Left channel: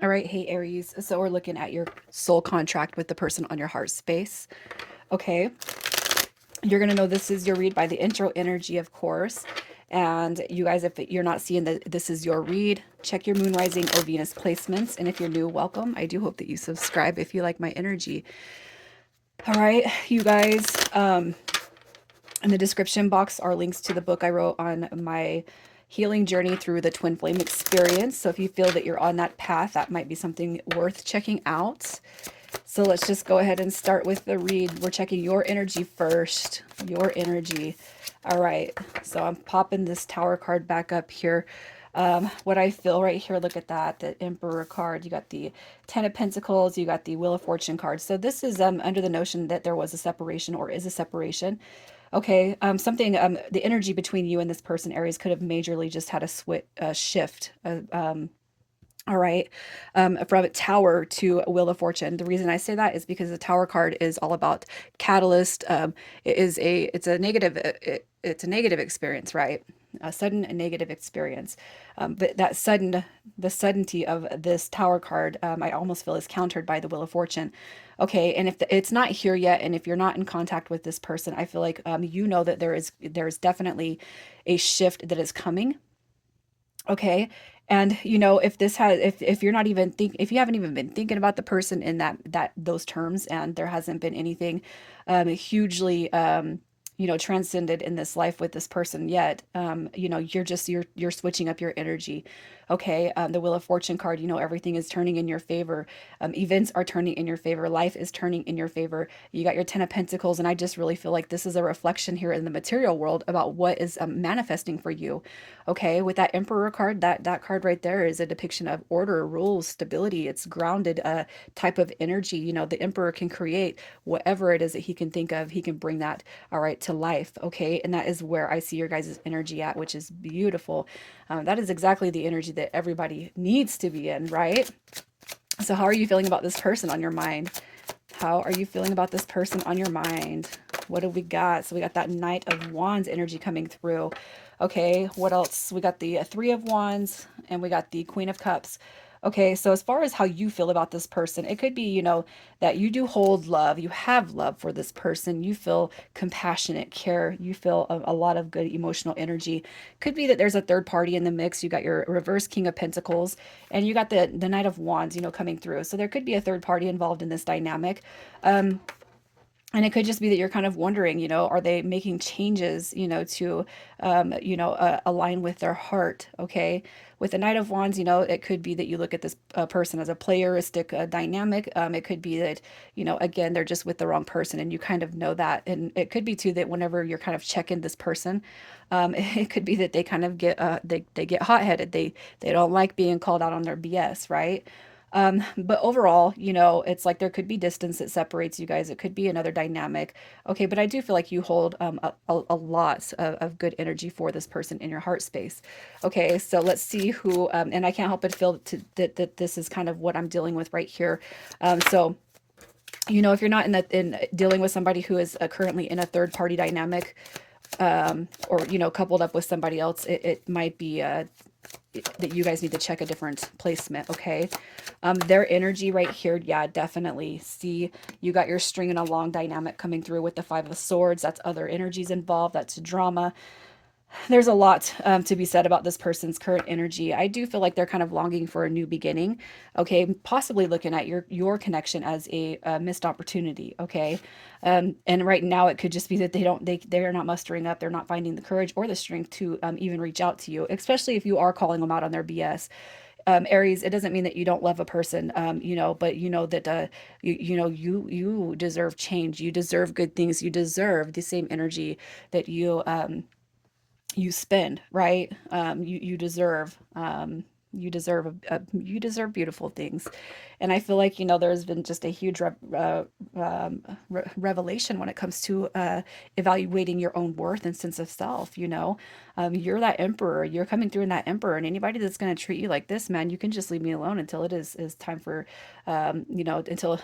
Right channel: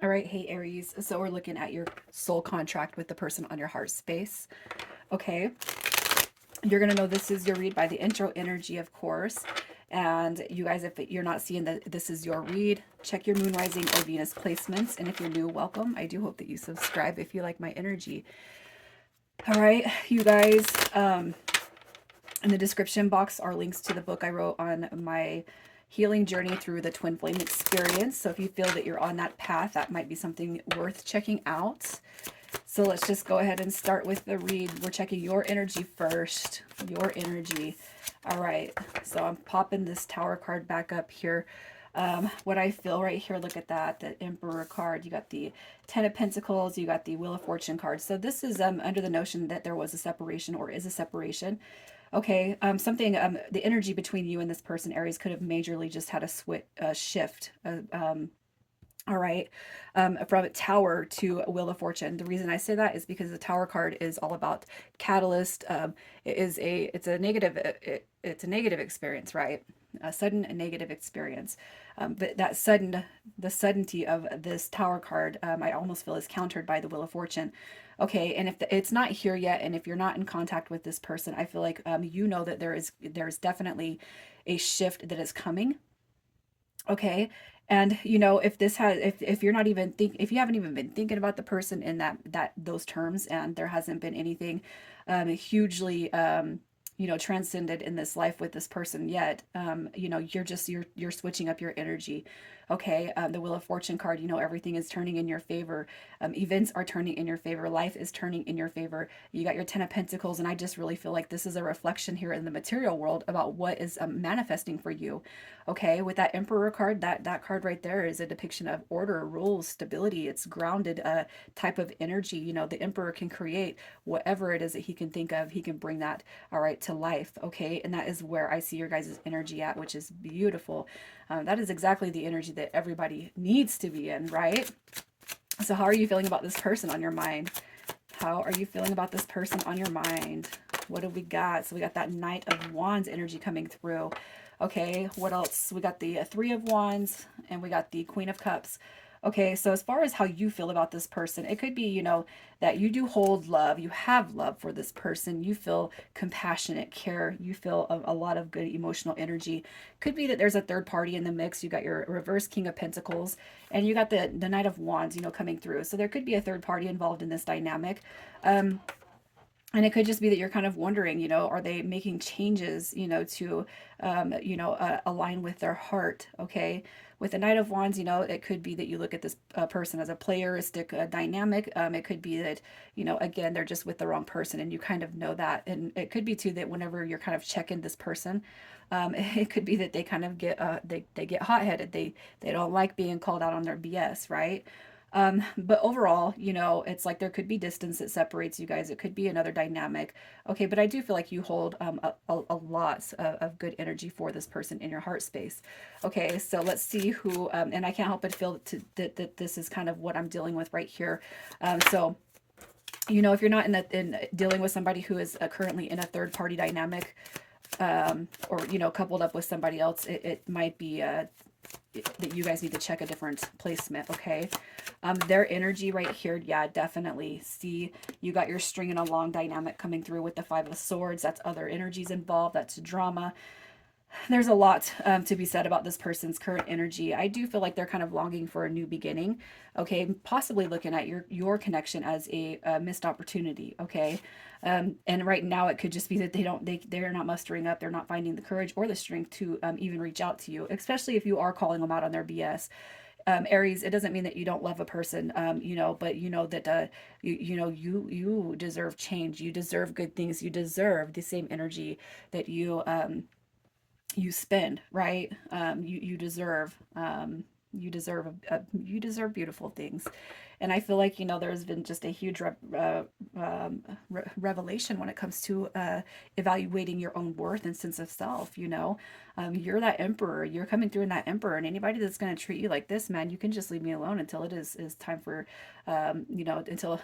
All right, hey Aries. So we're looking at your soul contract with the person on your heart space. Okay, you're gonna know this is your read by the intro energy, of course. And you guys, if you're not seeing that this is your read, check your moon rising or Venus placements. And if you're new, welcome. I do hope that you subscribe if you like my energy. All right, you guys. In the description box are links to the book I wrote on my healing journey through the twin flame experience. So if you feel that you're on that path, that might be something worth checking out. So let's just go ahead and start with the read. We're checking your energy first. Your energy. All right. So I'm popping this Tower card back up here. What I feel right here, look at that, the Emperor card. You got the Ten of Pentacles. You got the Wheel of Fortune card. So this is under the notion that there was a separation or is a separation. Okay, the energy between you and this person, Aries, could have majorly just had a shift. All right. From Tower to Wheel of Fortune. The reason I say that is because the Tower card is all about catalyst. It's a negative experience, right? A sudden and negative experience. But the suddenty of this Tower card, I almost feel is countered by the Wheel of Fortune. Okay, and if it's not here yet, and if you're not in contact with this person, I feel like you know that there's definitely a shift that is coming. Okay. And if you're not even if you haven't even been thinking about the person in those terms, and there hasn't been anything hugely transcended in this life with this person yet, you're switching up your energy. Okay. The Wheel of Fortune card, everything is turning in your favor. Events are turning in your favor. Life is turning in your favor. You got your Ten of Pentacles, and I just really feel like this is a reflection here in the material world about what is manifesting for you. Okay, with that Emperor card, that card right there is a depiction of order, rules, stability. It's grounded type of energy. The Emperor can create whatever it is that he can think of. He can bring that all right to life. Okay, and that is where I see your guys' energy at, which is beautiful. That is exactly the energy that everybody needs to be in, right? So how are you feeling about this person on your mind? How are you feeling about this person on your mind? What do we got? So we got that Knight of Wands energy coming through. Okay, what else? We got the Three of Wands and we got the Queen of Cups. Okay, so as far as how you feel about this person, it could be, that you do hold love. You have love for this person. You feel compassionate care. You feel a lot of good emotional energy. Could be that there's a third party in the mix. You got your reverse King of Pentacles and you got the Knight of Wands, coming through. So there could be a third party involved in this dynamic. Um, and it could just be that you're kind of wondering, are they making changes, to, align with their heart? Okay. With the Knight of Wands, it could be that you look at this person as a playeristic dynamic. It could be that, again, they're just with the wrong person and you kind of know that. And it could be too that whenever you're kind of checking this person, it could be that they kind of they get hot-headed. They don't like being called out on their BS, right? But overall, it's like there could be distance that separates you guys. It could be another dynamic. Okay, but I do feel like you hold a lot of good energy for this person in your heart space. Okay, so let's see who, and I can't help but feel that this is kind of what I'm dealing with right here. So if you're not in dealing with somebody who is currently in a third party dynamic, or coupled up with somebody else, it might be that you guys need to check a different placement. Okay, their energy right here, yeah, definitely see you got your stringing along dynamic coming through with the Five of Swords. That's other energies involved. That's drama. There's a lot to be said about this person's current energy. I do feel like they're kind of longing for a new beginning. Okay, possibly looking at your connection as a missed opportunity. Okay, and right now it could just be that they're not mustering up. They're not finding the courage or the strength to even reach out to you, especially if you are calling them out on their BS. Aries, it doesn't mean that you don't love a person, but you know that you deserve change. You deserve good things. You deserve the same energy that you spend, right? You deserve you deserve beautiful things. And I feel like, there's been just a huge revelation when it comes to evaluating your own worth and sense of self. You're that emperor. You're coming through in that emperor, and anybody that's going to treat you like this, man, you can just leave me alone until it is time for, until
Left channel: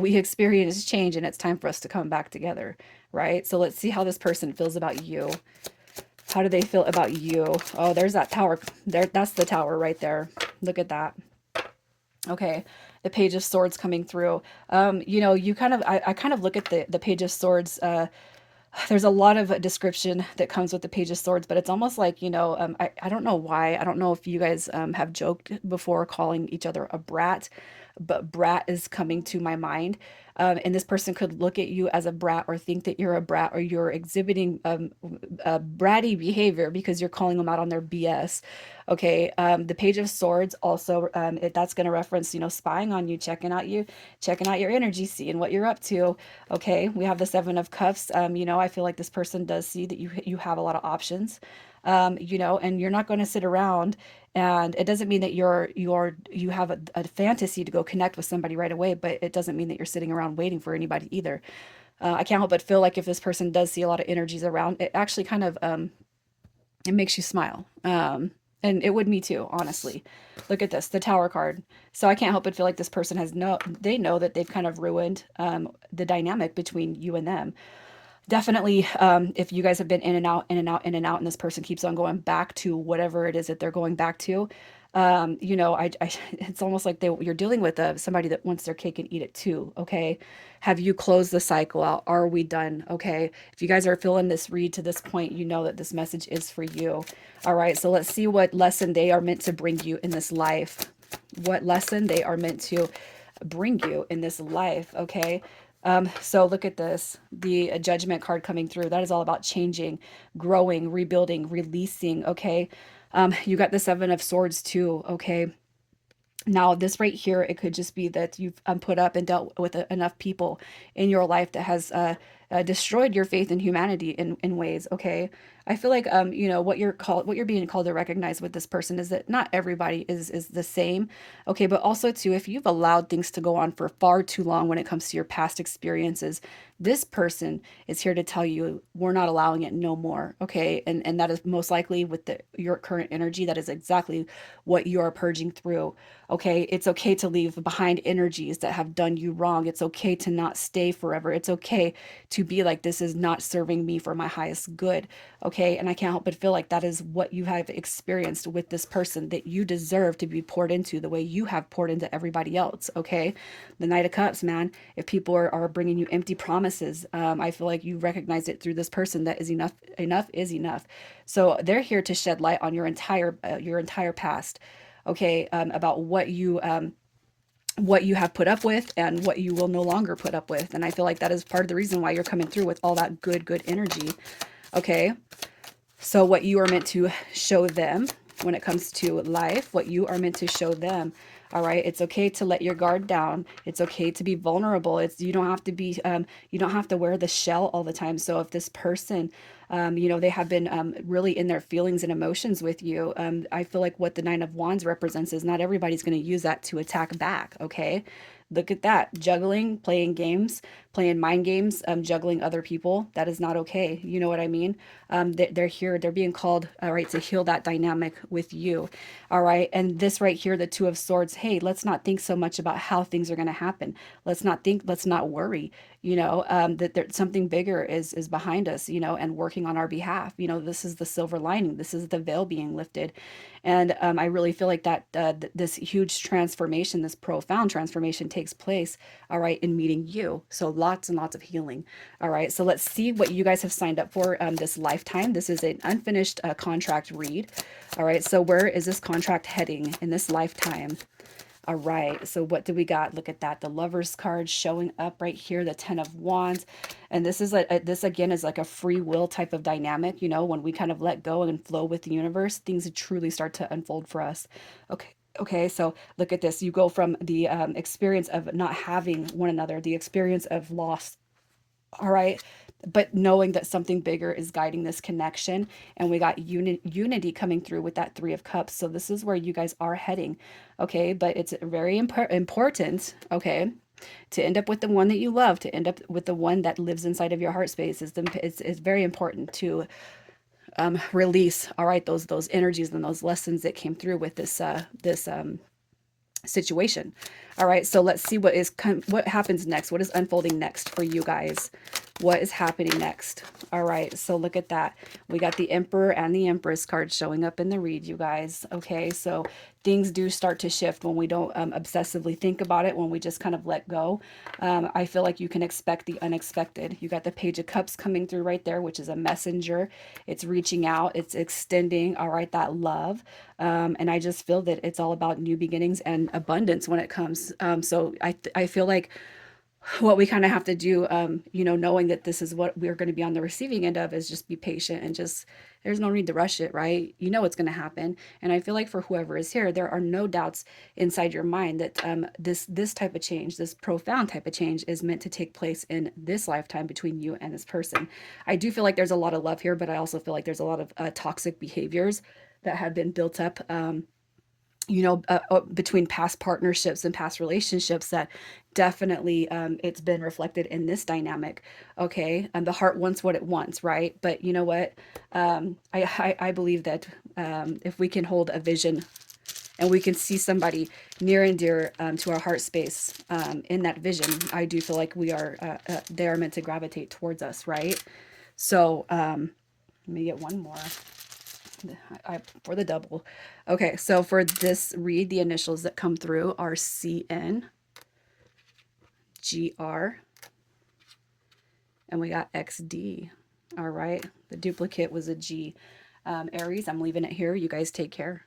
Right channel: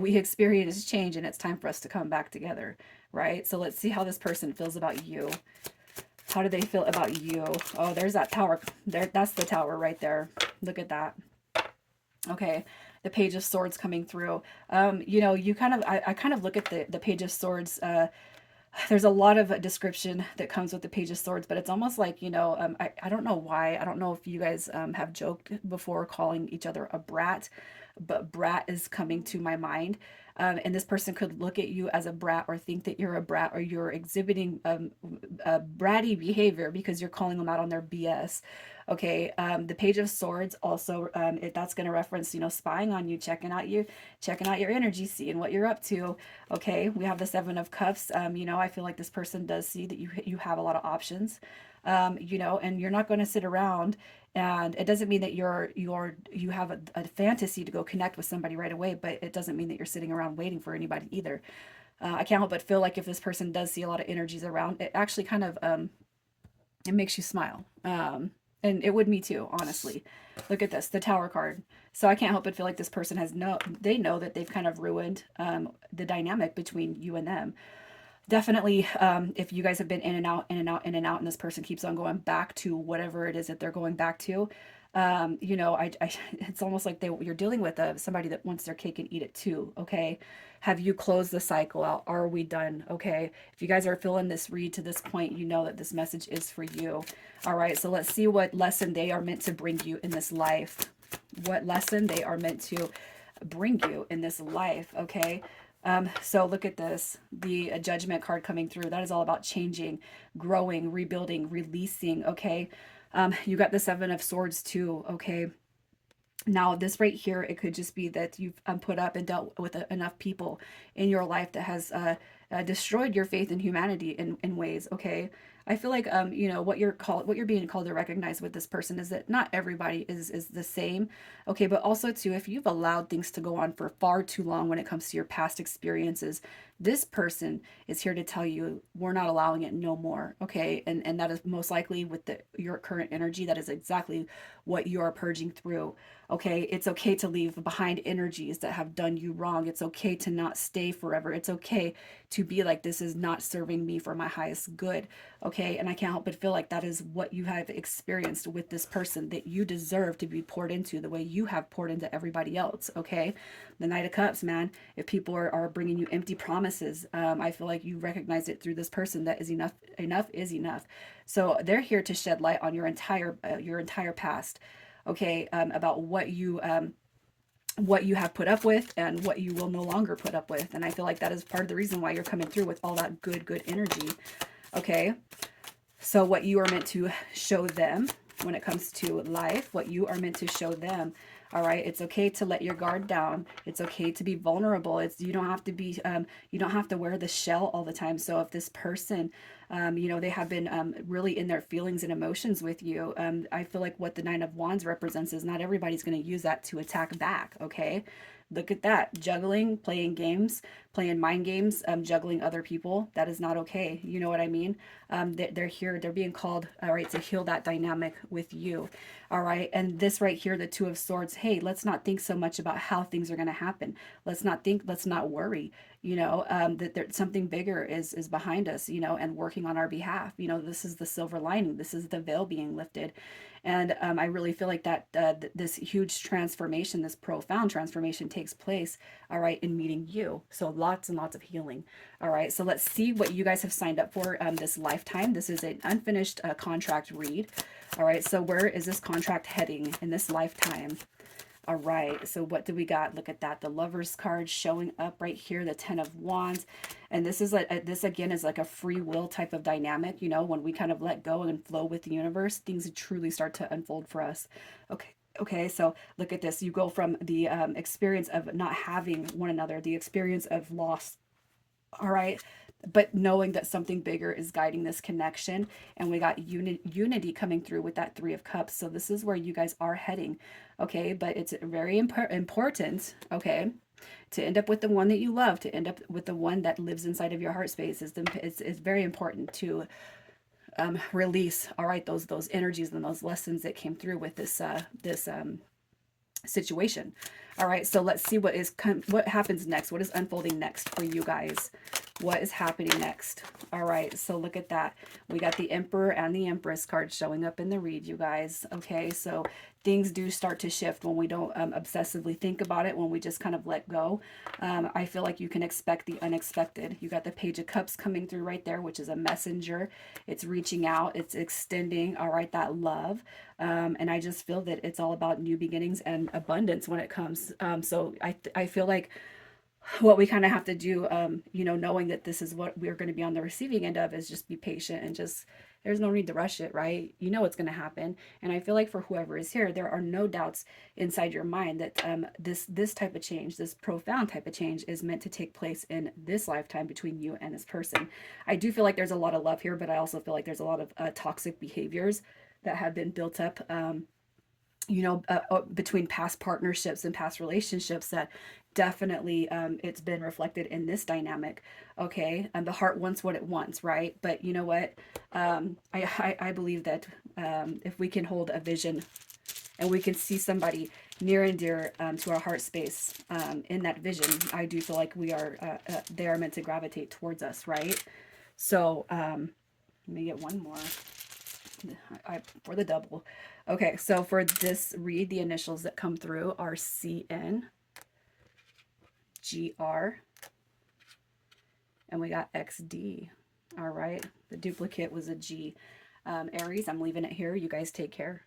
we experience change and it's time for us to come back together, right? So let's see how this person feels about you. How do they feel about you? Oh, there's that tower. There, that's the tower right there. Look at that. Okay, the Page of Swords coming through. You know, you kind of, I kind of look at the Page of Swords. There's a lot of description that comes with the Page of Swords, but it's almost like, you know, I don't know why. I don't know if you guys have joked before calling each other a brat, but brat is coming to my mind. And this person could look at you as a brat or think that you're a brat or you're exhibiting bratty behavior because you're calling them out on their BS. Okay, the Page of Swords also, that's going to reference, you know, spying on you, checking out your energy, seeing what you're up to. Okay, we have the Seven of Cups. You know, I feel like this person does see that you have a lot of options. You know, and you're not going to sit around. And it doesn't mean that you have a fantasy to go connect with somebody right away, but it doesn't mean that you're sitting around waiting for anybody either. I can't help but feel like if this person does see a lot of energies around, it actually kind of it makes you smile. And it would me too, honestly. Look at this, the Tower card. So I can't help but feel like this person they know that they've kind of ruined the dynamic between you and them. Definitely, if you guys have been in and out, in and out, in and out, and this person keeps on going back to whatever it is that they're going back to, you know, it's almost like you're dealing with somebody that wants their cake and eat it too. Okay, have you closed the cycle out? Are we done? Okay, if you guys are feeling this read to this point, you know that this message is for you. All right, so let's see what lesson they are meant to bring you in this life. What lesson they are meant to bring you in this life. Okay. So look at this, the judgment card coming through. That is all about changing, growing, rebuilding, releasing. Okay. You got the Seven of Swords too. Okay. Now, this right here, it could just be that you've put up and dealt with enough people in your life that has destroyed your faith in humanity in ways. Okay, I feel like you know what you're being called to recognize with this person is that not everybody is the same. Okay, but also too, if you've allowed things to go on for far too long when it comes to your past experiences, this person is here to tell you we're not allowing it no more. Okay, and that is most likely with your current energy. That is exactly what you're purging through. Okay, it's okay to leave behind energies that have done you wrong. It's okay to not stay forever. It's okay to be like, this is not serving me for my highest good. Okay, and I can't help but feel like that is what you have experienced with this person, that you deserve to be poured into the way you have poured into everybody else. Okay, the Knight of Cups, man. If people are bringing you empty promises, I feel like you recognize it through this person that is enough. Enough is enough. So they're here to shed light on your entire past. Okay, about what you have put up with and what you will no longer put up with. And I feel like that is part of the reason why you're coming through with all that good energy. Okay, so what you are meant to show them when it comes to life, what you are meant to show them. All right, it's okay to let your guard down. It's okay to be vulnerable. It's you don't have to be you don't have to wear the shell all the time. So if this person you know, they have been really in their feelings and emotions with you. I feel like what the Nine of Wands represents is not everybody's going to use that to attack back. Okay, look at that, juggling, playing games, playing mind games, juggling other people. That is not okay. You know what I mean? They're here, they're being called, all right, to heal that dynamic with you. All right, and this right here, the Two of Swords, hey, let's not think so much about how things are going to happen. Let's not worry, you know, that there, something bigger is behind us, you know, and working on our behalf. You know, this is the silver lining, this is the veil being lifted. And I really feel like that this huge transformation, this profound transformation takes place, all right, in meeting you. So lots and lots of healing. All right, so let's see what you guys have signed up for this lifetime. This is an unfinished contract read. All right, so where is this contract heading in this lifetime? All right, so what do we got? Look at that. The Lover's card showing up right here, the Ten of Wands. And this is this again is like a free will type of dynamic, you know, when we kind of let go and flow with the universe, things truly start to unfold for us. Okay. Okay, so look at this. You go from the experience of not having one another, the experience of loss, all right, but knowing that something bigger is guiding this connection. And we got unity coming through with that Three of Cups. So this is where you guys are heading. Okay, but it's very important, okay, to end up with the one that you love, to end up with the one that lives inside of your heart space. It's very important to release, all right, those energies and those lessons that came through with this situation. All right, so let's see what happens next. What is unfolding next for you guys? What is happening next? All right, so look at that. We got the Emperor and the Empress cards showing up in the read, you guys. Okay, so things do start to shift when we don't obsessively think about it, when we just kind of let go. I feel like you can expect the unexpected. You got the Page of Cups coming through right there, which is a messenger. It's reaching out, it's extending, all right, that love. And I just feel that it's all about new beginnings and abundance when it comes. So I feel like what we kind of have to do, you know, knowing that this is what we're going to be on the receiving end of, is just be patient and just, there's no need to rush it, right? You know it's going to happen. And I feel like for whoever is here, there are no doubts inside your mind that this type of change, this profound type of change, is meant to take place in this lifetime between you and this person. I do feel like there's a lot of love here, but I also feel like there's a lot of toxic behaviors that have been built up, you know, between past partnerships and past relationships, that definitely, it's been reflected in this dynamic. Okay, and the heart wants what it wants, right? But you know what? I believe that if we can hold a vision and we can see somebody near and dear, to our heart space, in that vision, I do feel like we are, they are meant to gravitate towards us, right? So let me get one more. For the double. Okay, so for this read, the initials that come through are CN, GR, and we got XD. All right, the duplicate was a G. Aries, I'm leaving it here. You guys take care.